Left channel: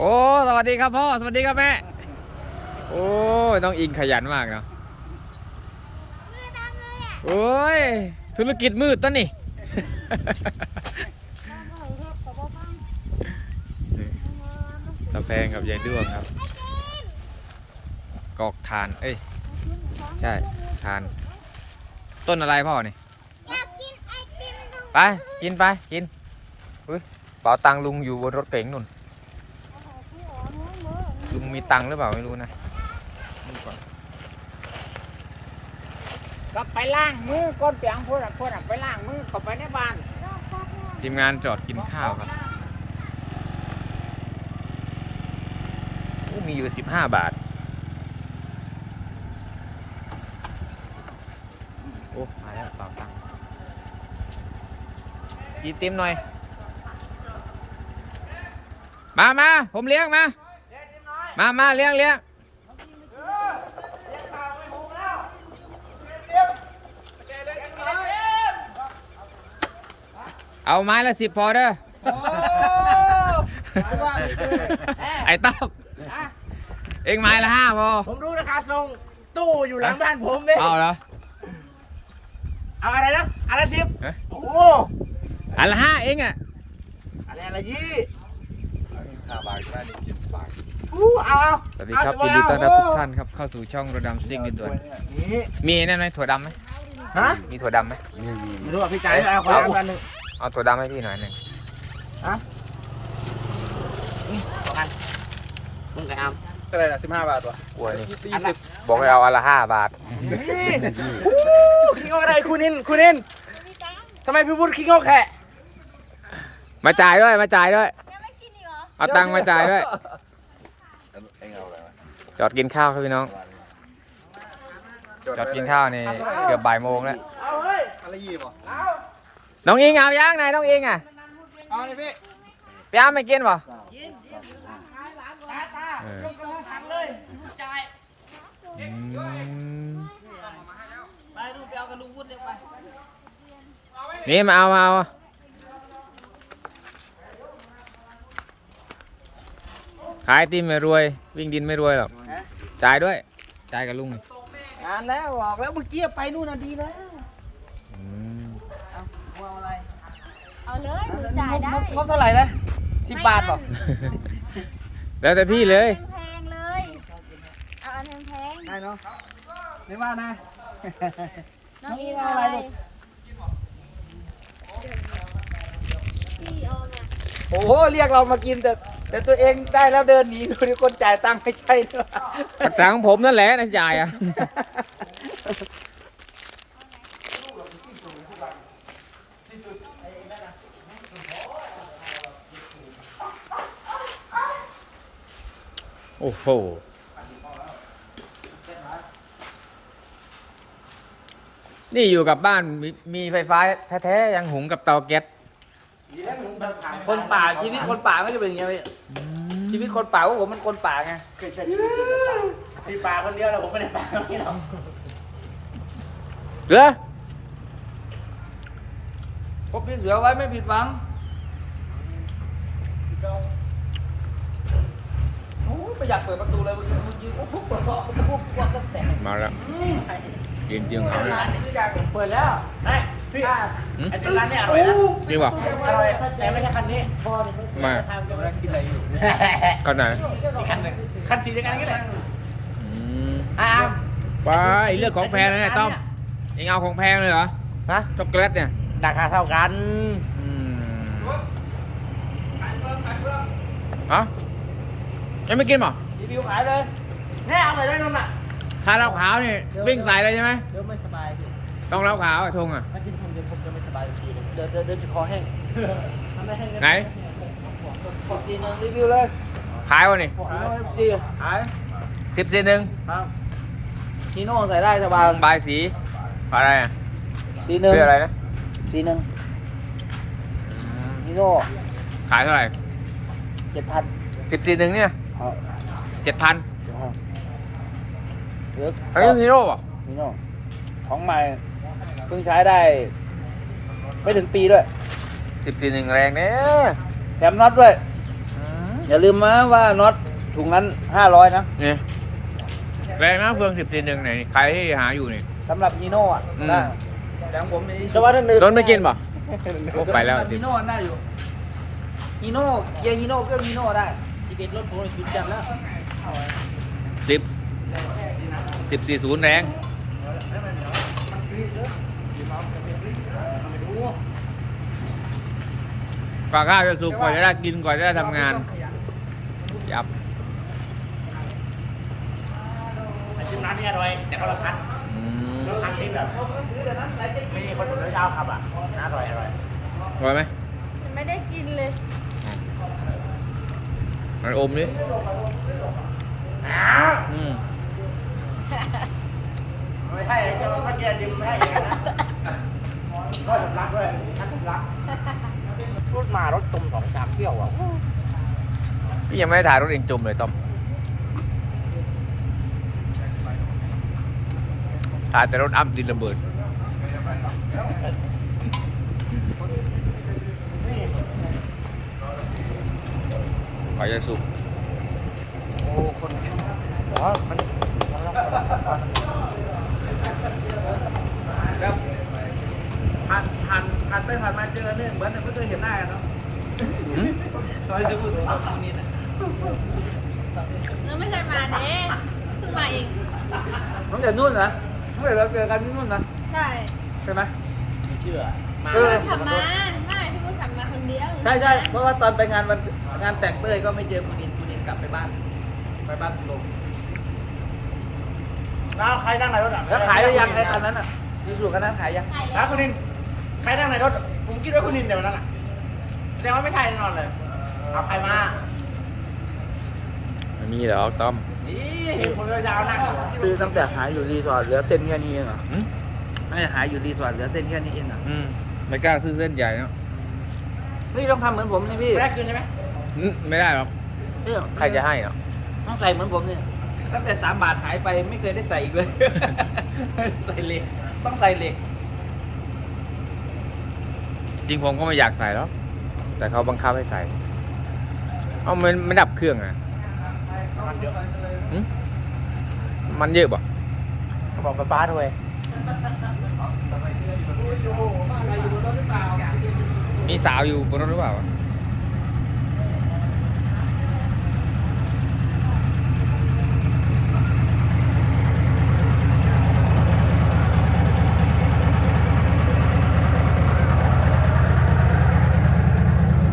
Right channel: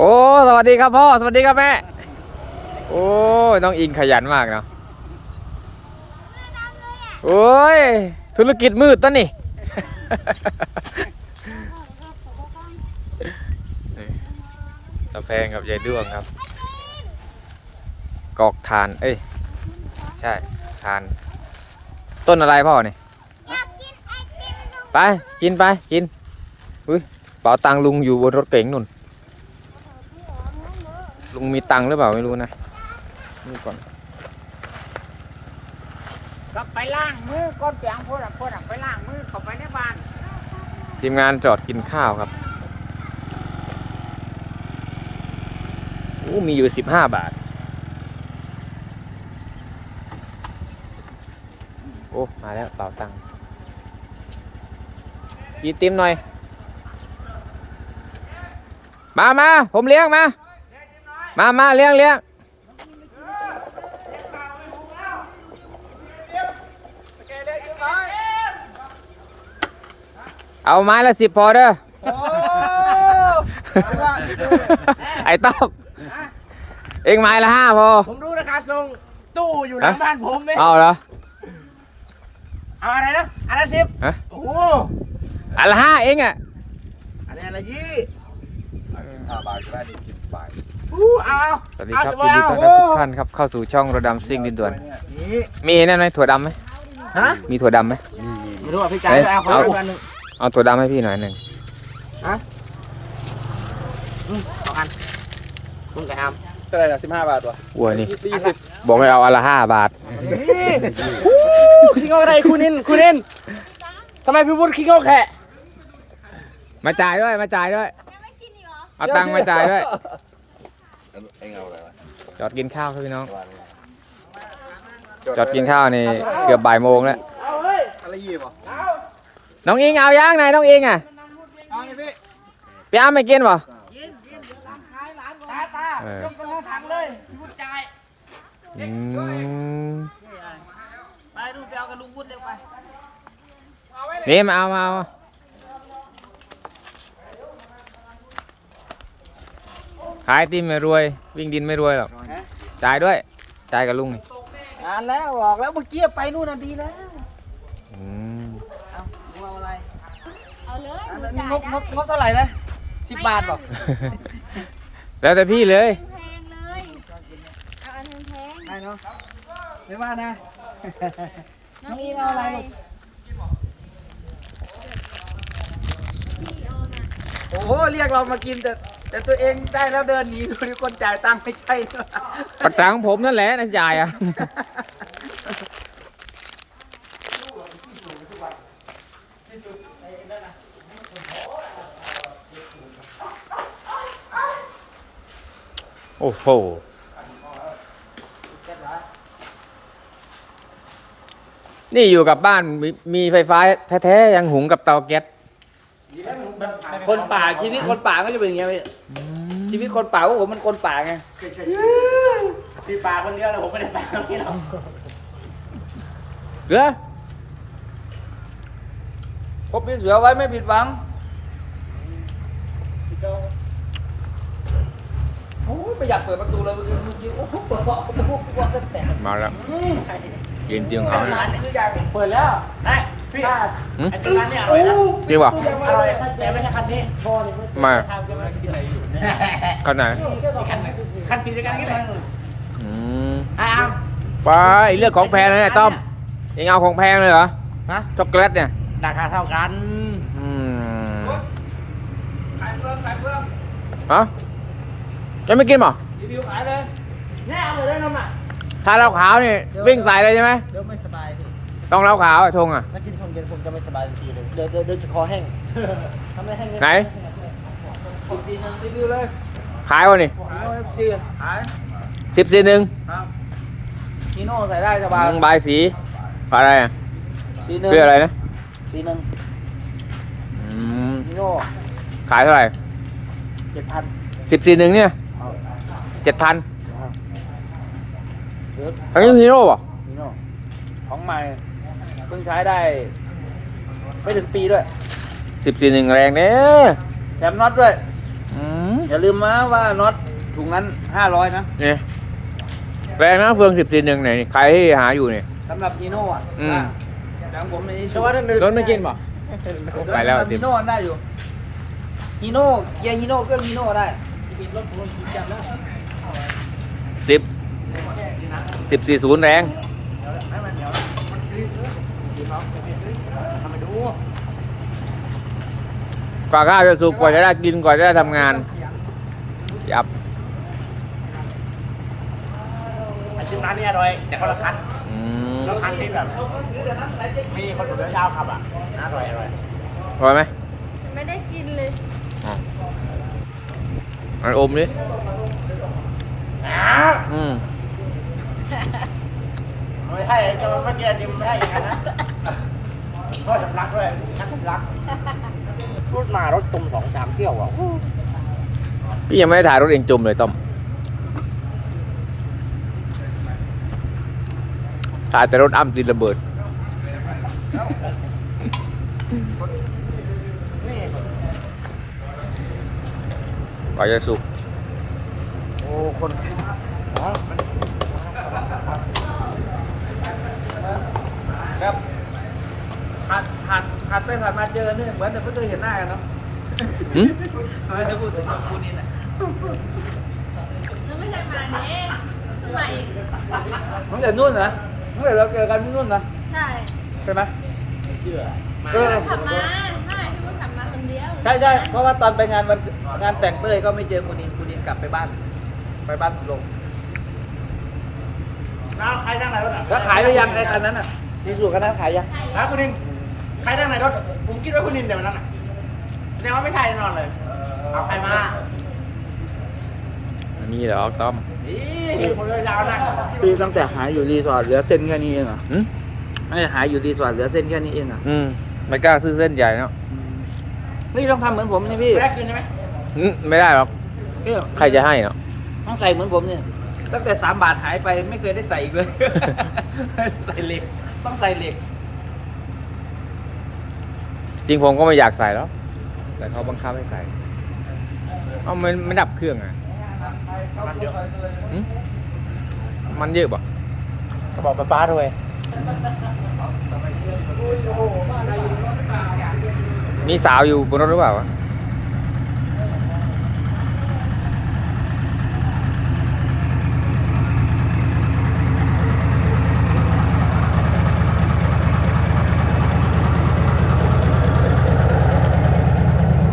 โอ้สวัสดีครับพ่อสวัสดีครับแม่โอ้ยน้องอิงขยันมากเนาะโอ้ยธุรกิจมืดต้นนี่ กาแฟกับยายด้วงครับ กอกทาน เอ้ย ใช่ทาน ต้นอะไรพ่อนี่อยากกินไอติมตรงไป กินไป กิน อุ้ยเป๋าตังค์ลุงอยู่บนรถเก๋งนุ่น ลุงมีตังค์หรือเปล่าไม่รู้นะดูก่อนก็ไปล้างมือก้นเปียงพูดอะพูดอะไปล้างมือเข้าไปในบ้านทีมงานจอดกินข้าวครับโอ้มีอยู่สิบห้าบาท โอ้หายแล้วเป๋าตังค์กินติมหน่อย มามาผมเลี้ยงมา มามาเลี้ยงเลี้ยงเอาไม้ละสิบพอเด้อไอ้ต๊อกเองไม้ละห้าพอ ผมรู้ราคาทรงตู้อยู่หลังบ้านผมเนี่ยเอาเหรอเอาอะไรนะอันละสิบฮะโอ้โหอันละห้าเองอะอะไรอันละยี่ห้าบาทก็ได้นี่กินสบาย อู้เอาเอาสวัสดีครับยินดีต้อนรับทุกท่านครับเข้าสู่ช่องระดำซิ่งดินด่วนนี่มีนั่นไหมถั่วดำไหมฮะมีถั่วดำไหมไม่รู้ว่าพี่จ่ายแล้วเอาขอน้ำกันหนึ่งเอาถั่วดำให้พี่หน่อยหนึ่งสองอันคุณแต่อามก็ได้ละสิบห้าบาทวะวัวนี่อันละบอกให้เอาอันละห้าบาทนี่อู้ขี้งอกอะไรคุณนินคุณนินทำไมพี่บุญขี้งอกแค่มาจ่ายด้วยมาจ่ายด้วยเอาตังค์มาจ่ายด้วย เองเอาอะไรวะ จอดกินข้าวครับพี่น้อง จอดกินข้าวนี่เกือบบ่ายโมงแล้วเอาเฮ้ยอะไรยี่ปะน้องอิงเอาย่างไหนน้องอิงอะเอาเลยพี่พี่อ้ามไม่กินป่ะยินยินเดี๋ยวร้านขายร้านก่อนตาตาเออต้องต้องถังเลยพี่บุญจ่ายอืมไปดูไปเอากับลุงวุฒิเร็วไปนี่มาเอามาเอาขายไอติมไม่รวย วิ่งดินไม่รวยหรอก จ่ายด้วย จ่ายกับลุงนี่อ่านแล้วบอกแล้วเมื่อกี้ไปนู่นน่ะดีแล้ว อืมเอาลุงเอาอะไรเอาเลยอะหนูแล้วจ่ายงบได้งบงบเท่าไหร่นะสิบบาทบอกแล้วแต่พี่เลย แพงๆเลยเอาอันแพงได้เนาะไม่ว่านะ ๆน้องอิงเอาอะไรลูก โอ้โหเรียกเรามากินแต่ แต่ตัวเองได้แล้วเดินหนีดูดิคนจ่ายตังค์ไม่ใช่เนอปัจจัยของผมนั่นแหละนะจ่ายอะ โอ้โห นี่อยู่กับบ้านมีมีไฟฟ้าแท้ๆ ยังหุงกับเตาแก๊ส คนป่าชีวิตคนป่าก็จะเป็นอย่างเงี้ยพี่ชีวิตคนป่าว่าผมมันคนป่าไงพี่ปลาคนเดียวแล้วผมไม่ได้ปลาคนนี้หรอกเหลือพบพี่เสือไว้ไม่ผิดหวังโอ้ไม่อยากเปิดประตูเลยเมื่อกี้โอ้โหเปิดเบาะประตูกลัวจะแตกมาแล้วยืนเตียงเขาเนี่ยเปิดแล้วได้ พี่ไอ้เป็นร้านนี้อร่อยนะดีกว่าอร่อย แต่ไม่ใช่คันนี้มากันไหนอีกคันหนึ่งคันสีเดียวกันอย่างนี้แหละอืมไอ้อามไปเรื่องของแพงเลยเนี่ยต้อมเองเอาของแพงเลยเหรอฮะช็อกโกแลตเนี่ยราคาเท่ากันอืมขายเพิ่มขายเพิ่มฮะจะไม่กินเหรอรีวิวขายเลยแน่เอาเลยได้นมน่ะถ้าเหล้าขาวนี่วิ่งใส่เลยใช่ไหมเดี๋ยวไม่สบายพี่ ต้องเหล้าขาวไอ้ทงอะ ถ้ากินของเย็นผมจะไม่สบายทันทีเลยเดี๋ยวเดี๋ยวเดี๋ยวจะคอแห้งทำไมแห้งไหน สิบจีนึงรีวิวเลยขายวะนี่จีขายสิบสี่หนึ่งมาฮีโน่ใส่ได้สบายบายสีอะไรอะสีหนึ่งเรียกอะไรนะสีหนึ่งอืมฮีโน่ขายเท่าไหร่เจ็ดพันสิบสี่หนึ่งเนี่ยเจ็ดพันเหลืออันนี้ฮีโร่ป่ะฮีโน่ของใหม่ เพิ่งใช้ได้ ไม่ถึงปีด้วยสิบสี่หนึ่งแรงเนี่ยแถมน็อตด้วย อืมอย่าลืมนะว่าน็อตถุงนั้นห้าร้อยนะเนี่ยแฟนนะเฟืองสิบสี่หนึ่งไหนใครที่หาอยู่เนี่ย สำหรับฮีโน่อะอืม ได้แต่ของผมในที่เฉสุดพาะท่านหนึ่งรถไม่กินป่ะ โอ้ไปแล้วฮีติมโน่ได้อยู่ฮีโน่เกียร์ฮีโน่ก็ฮีโน่ได้สิบเอ็ดรถตัวสุดจังแล้วสิบสิบสี่ศูนย์แรง เดี๋ยวให้มันเดี๋ยวมันกรี๊ดเลย ทีมเราจะเป็นกรี๊ดทำไปดูฝากข้าวจะสุกกว่าจะได้กินกว่าจะได้ทำงานขยันยับไอ้ชื่อร้านนี้อร่อยแต่เขาละคันอืมแล้วคันที่แบบมีคนเดินยาวขับอะอร่อยอร่อยอร่อยไหมยังไม่ได้กินเลยอ๋อมันอมดิอืมไม่ใช่เมื่อกี้ดิมไม่ใช่ รักด้วยรักพูดมารถตุ่มสองสามเที่ยวอะพี่ยังไม่ได้ถ่ายรถเองจมเลยต้อมถ่ายแต่รถอ้ำติดระเบิดกว่าจะสุกโอ้ คนอ๋อมันครับผ่านผ่านผ่าน ไปผ่านมาเจอเนี่ยเหมือนจะไม่เคยเห็นหน้ากันเนาะหึทำไมจะพูดถึงกับคู่นี้น่ะเราไม่เคยมาเด้คือมาอีกมันแต่นู่นนะเมื่อเราเจอกันที่นู่นนะใช่ใช่ไหม ไม่เชื่อ มาเออแล้วขับมา ใช่คุณขับมาคนเดียวใช่ใช่เพราะว่าตอนไปงานวันงานแต่งเต้ยก็ไม่เจอคุณอินคุณอินกลับไปบ้าน ไปบ้านลงแล้วใครนั่งในรถอะแล้วขายได้ยังไอ้คันนั้นอะดีสุดคันนั้นขายยังครับคุณนิน ใครนั่งในรถ ผมคิดว่าคุณนินเดี๋ยววันนั้นอะแสดงว่าไม่ใช่แน่นอนเลย เอาใครมาไม่มีหรอกต้อมนี่เห็นผมยาวๆนั่งคิดว่าคือตั้งแต่หายอยู่รีสอร์ทเหลือเส้นแค่นี้เองเหรอหึไม่หายอยู่รีสอร์ทเหลือเส้นแค่นี้เองอะอืมไม่กล้าซื้อเส้นใหญ่เนาะนี่ต้องทำเหมือนผมนี่พี่ไม่ได้คืนใช่ไหมหึไม่ได้หรอกพี่ใครจะให้เนาะต้องใส่เหมือนผมเนี่ยตั้งแต่สามบาทหายไปไม่เคยได้ใส่อีกเลย ใส่เหล็กต้องใส่เหล็ก จริงผมก็ไม่อยากใส่หรอกแต่เขาบังคับให้ใส่ เอามันไม่ดับเครื่องอะมันเยอะหึมันเยอะป่ะบอกป้าป้าด้วยมีสาวอยู่บนรถหรือเปล่าวะ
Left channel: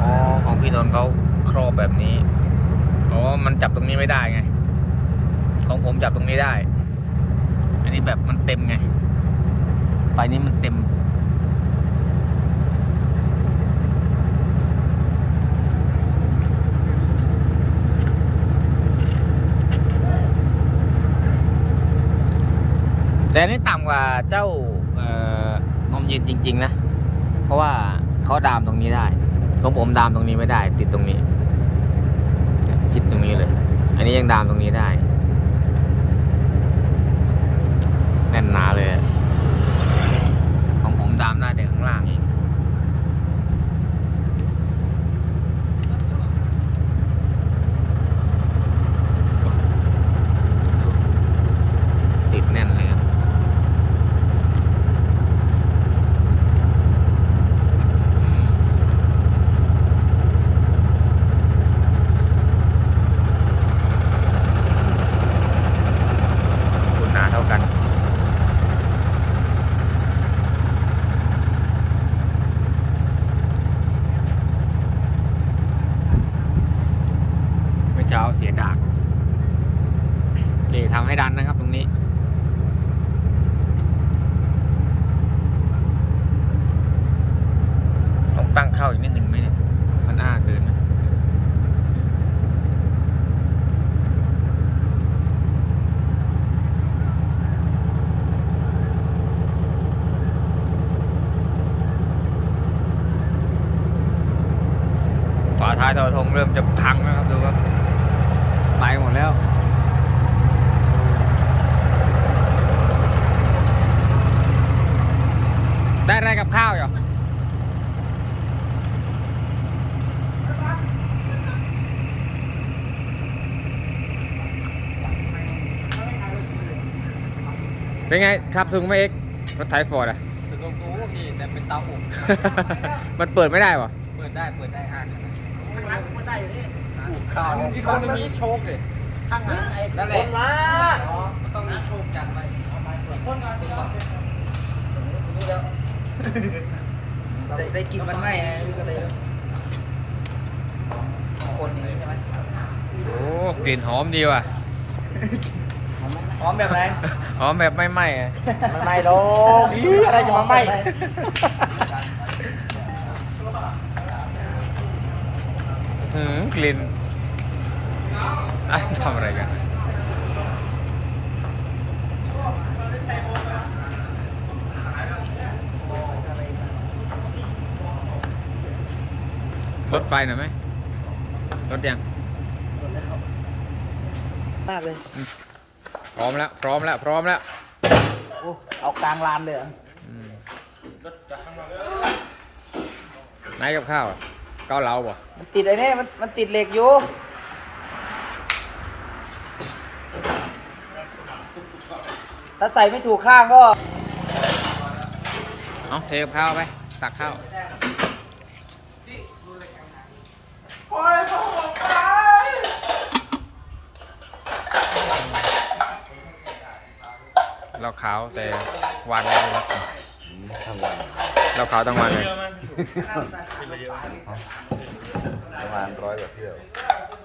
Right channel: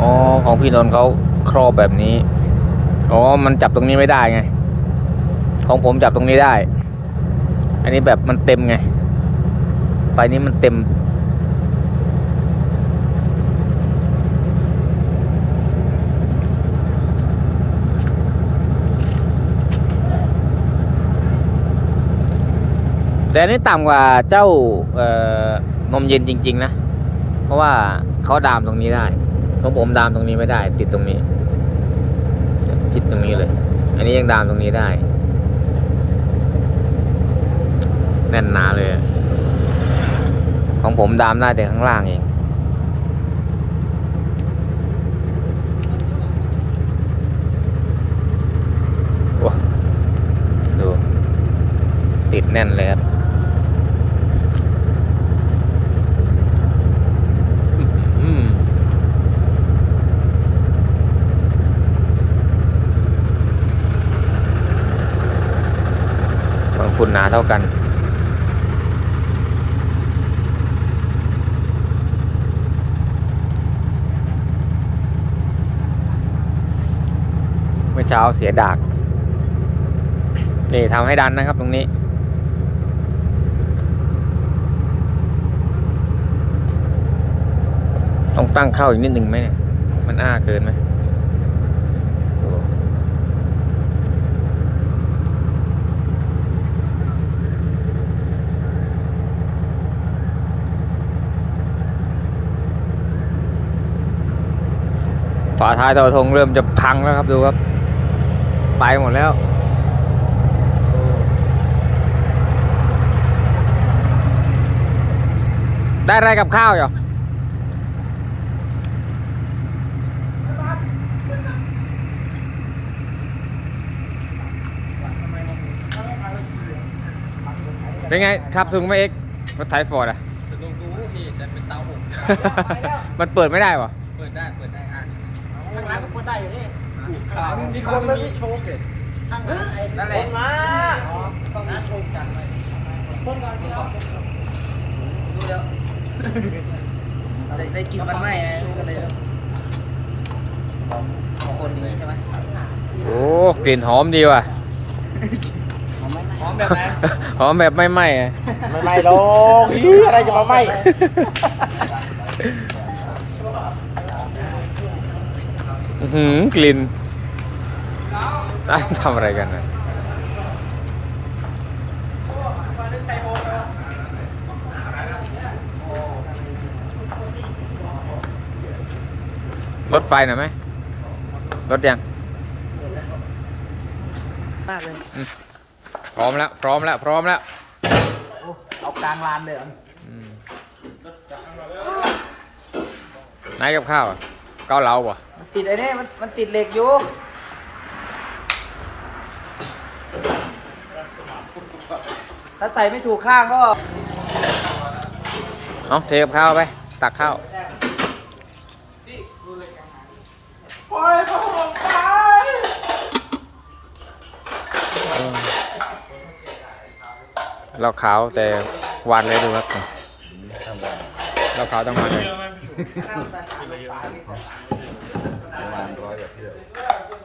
อ๋อของ พี่นนท์เขาครอบแบบนี้ อ๋อ มันจับตรงนี้ไม่ได้ไง ของผมจับตรงนี้ได้ อันนี้แบบมันเต็มไง ไฟนี้มันเต็ม แต่อันนี้ต่ำกว่าเจ้านมเย็นจริง ๆ นะ เพราะว่าเขาดามตรงนี้ได้ ของผมดามตรงนี้ไม่ได้ ติดตรงนี้ ชิดตรงนี้เลย อันนี้ยังดามตรงนี้ได้ แน่นหนาเลย ของผมดามได้แต่ข้างล่างเองโอ้ดูติดแน่นเลยครับ อืมบางฝุ่นหนาเท่ากัน เสียดากนี่ทำให้ดันนะครับตรงนี้ ต้องตั้งเข้าอีกนิดหนึ่งไหมเนี่ย มันอ้าเกินไหมฝาท้ายทอทงเริ่มจะพังแล้วครับดูครับ ไปหมดแล้วได้อะไรกับข้าวอยู่เป็นไงขับซูงไหมเอ็กรถไถฟอร์ดอะสูงกูมีแต่เป็นเตาอบมันเปิดไม่ได้ปะเปิดได้ เปิดได้ ข่าวที่เขามีโชคเองข้างหลังนั่นแหละมาต้องมีโชคจัดไปคนก่อนคนก่อนรู้แล้วได้ได้กินมันไหมไงก็เลยต้องคนอย่างนี้ใช่ไหมโอ้กลิ่นหอมดีว่ะหอมไหมหอมแบบไหนหอมแบบไม่ไหม้อะไม่ไม่หรอกอีอะไรจะมาไหมอื้อหือกลิ่นอ้าว ทำอะไรกันอะรถไฟหน่อยไหมรถยังมากเลยพร้อมแล้ว พร้อมแล้ว พร้อมแล้วโอ้เอากลางลานเลยเหรออืมไหนกับข้าวอะเกาเหลาป่ะมันติดไอ้นี่มันมันติดเหล็กอยู่ ถ้าใส่ไม่ถูกข้างก็ เอาเทกับข้าวไป ตักข้าวเราขาวแต่วันเลยดูครับเราขาวทั้งวันเลย ประมาณร้อยกว่าเที่ยว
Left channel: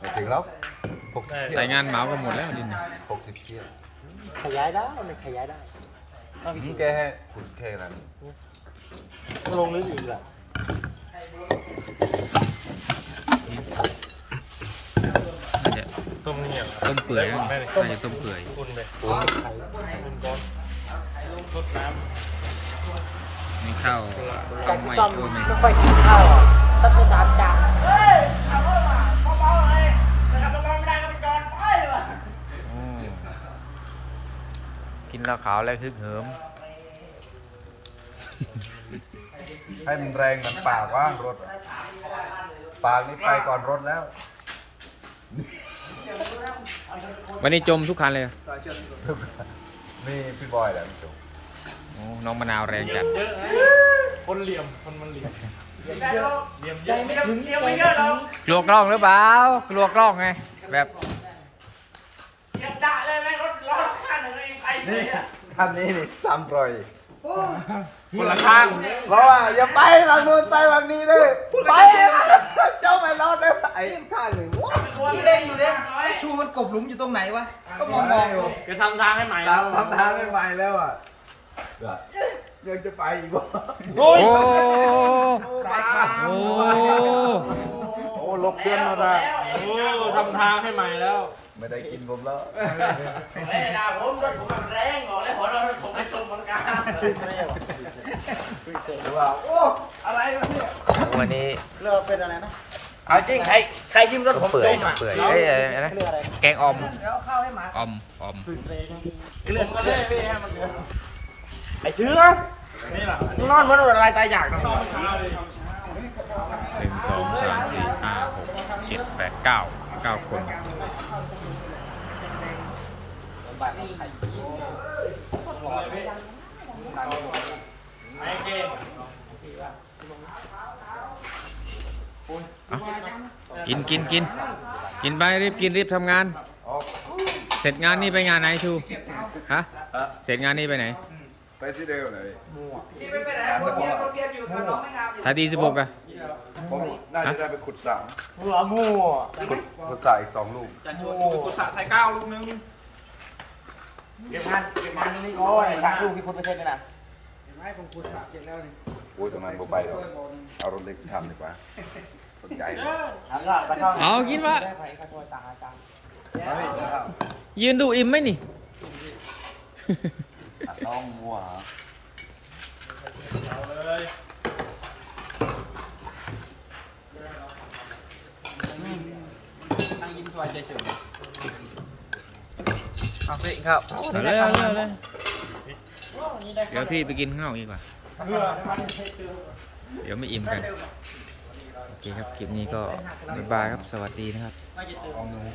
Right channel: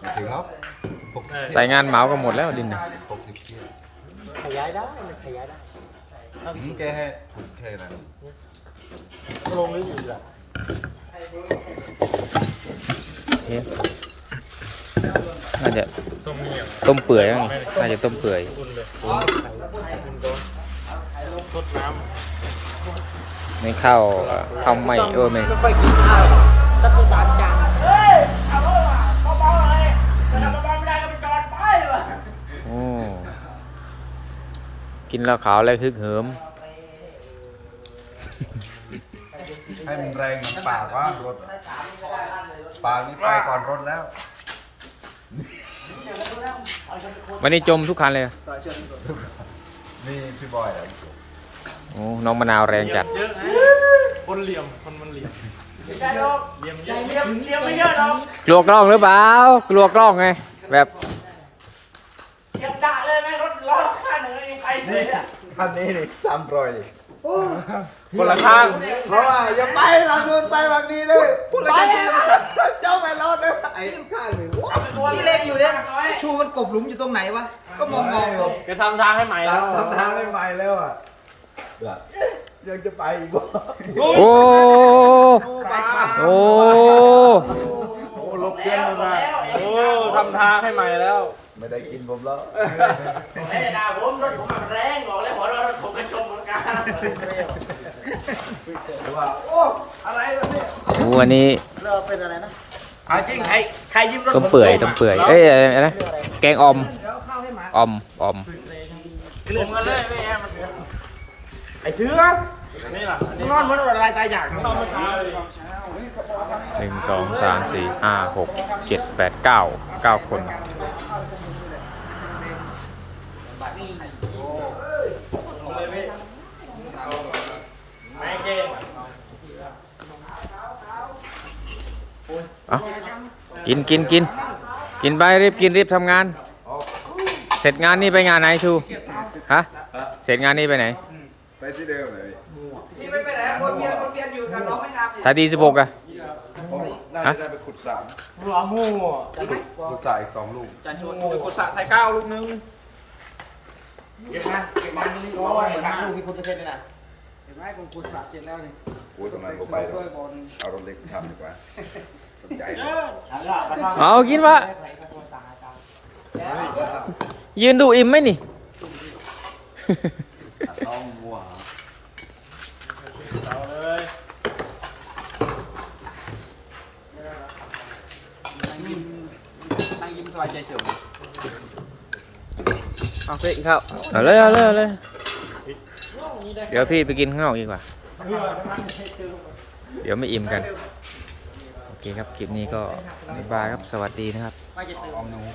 ไม่ถึงแล้วหกสิบใส่งานเหมาก็หมดแล้วดินน่ะหกสิบเที่ยว ขยายได้ไม่ขยายได้อืมแกให้ขุดแค่นั้นน่าจะต้มเปื่อยมั้งน่าจะต้มเปื่อยไม่เข้าเข้าไม่เออไม่ไม่ค่อยกินข้าวสักไปสามจาน โอ้ กินแล้วขาวอะไรฮึกเหิม ให้มันแรงเหมือนปากว่างรถอะปากนี่ไปก่อนรถแล้ว วันนี้จมทุกคันเลยอะนี่พี่บอยแหละโอ้น้องมะนาวแรงจัด เยอะไงคนเหลี่ยม คนมันเหลี่ยม เหลี่ยมเยอะเลี้ยงเลี้ยงไม่เยอะหรอกกลัวกล้องหรือเปล่า กลัวกล้องไง แบบ เก็บกะเลยไงรถล้อข้างหนึ่งเองไปเล นี่ยอะคันนี้นี่สามร้อยคนละข้างเพราะว่าอย่าไปหลังนู้นไปหลังนี้เลยไปเจ้าไปรอดเลยไอ้ข้างนี่ว้าวนี่เล็กอยู่เนี่ยไอ้ชูมันกบหลุมอยู่ตรงไหนวะ ก็มองมองๆอยู่จะทำทางให้ใหม่ตามทำทางให้ใหม่แล้วอะยังจะไปอีกวะโอ้สายฟ้าโอ้โอ้ลบเดือนแล้วนะโอ้ทำทางให้ใหม่แล้ว ไม่ได้กินผมแล้วเอ้ยนะผมรถผมแบบแรงบอกเลยพอรถผมไปชมเหมือนกันว่าโอ้อะไรวะเนี่ยวันนี้เริ่มเป็นอะไรนะเอาจริงใครใครยิ้มรถต้มผมเปื่อยต้มเปื่อยเอ้ยอะไรอะแกงอมอมอมออมผมกันเลยพี่แอมมันไอ้เชื้อนี่แหละนอนเหมือนอะไรตายอยาก หนึ่งสองสามสี่ห้าหกเจ็ดแปดเก้าเก้าคนเอากินกินกินกินไปรีบกินรีบทำงาน เสร็จงานนี่ไปงานไหนชู ฮะ เสร็จงานนี่ไปไหน ไปที่เดิมเลย นี่ไม่ไปไหนคนเรียนคนเรียนอยู่กับน้องไม่งามอีกสายดีสิบหกอะ ผมน่าจะได้ไปขุดสระหัวงูขุดขุดสระอีกสองลูกกุศลใส่ก้าวลูกนึงเก็บงานเก็บงานนี่ก็ทางลูกพี่คนเปอร์เซ็นต์นะไม่ผมขุดสระเสร็จแล้วนี่โอ้ยตรงนั้นก็ไปแล้วเอารถเล็กทำดีกว่าสนใจทางก็ไปนอนเอากินวะใครก็โทรสั่งอาจารย์ยืนดูอิ่มไหมนี่ ต้องวัวเอาเลยนั่งยิ้มสบายใจเฉยโอเคครับ เอาเลยเอาเลยเอาเลยเดี๋ยวพี่ไปกินข้างนอกดีกว่า เดี๋ยวไม่อิ่มกัน โอเคครับ คลิปนี้ก็บ๊ายบายครับ สวัสดีนะครับ ออมหนู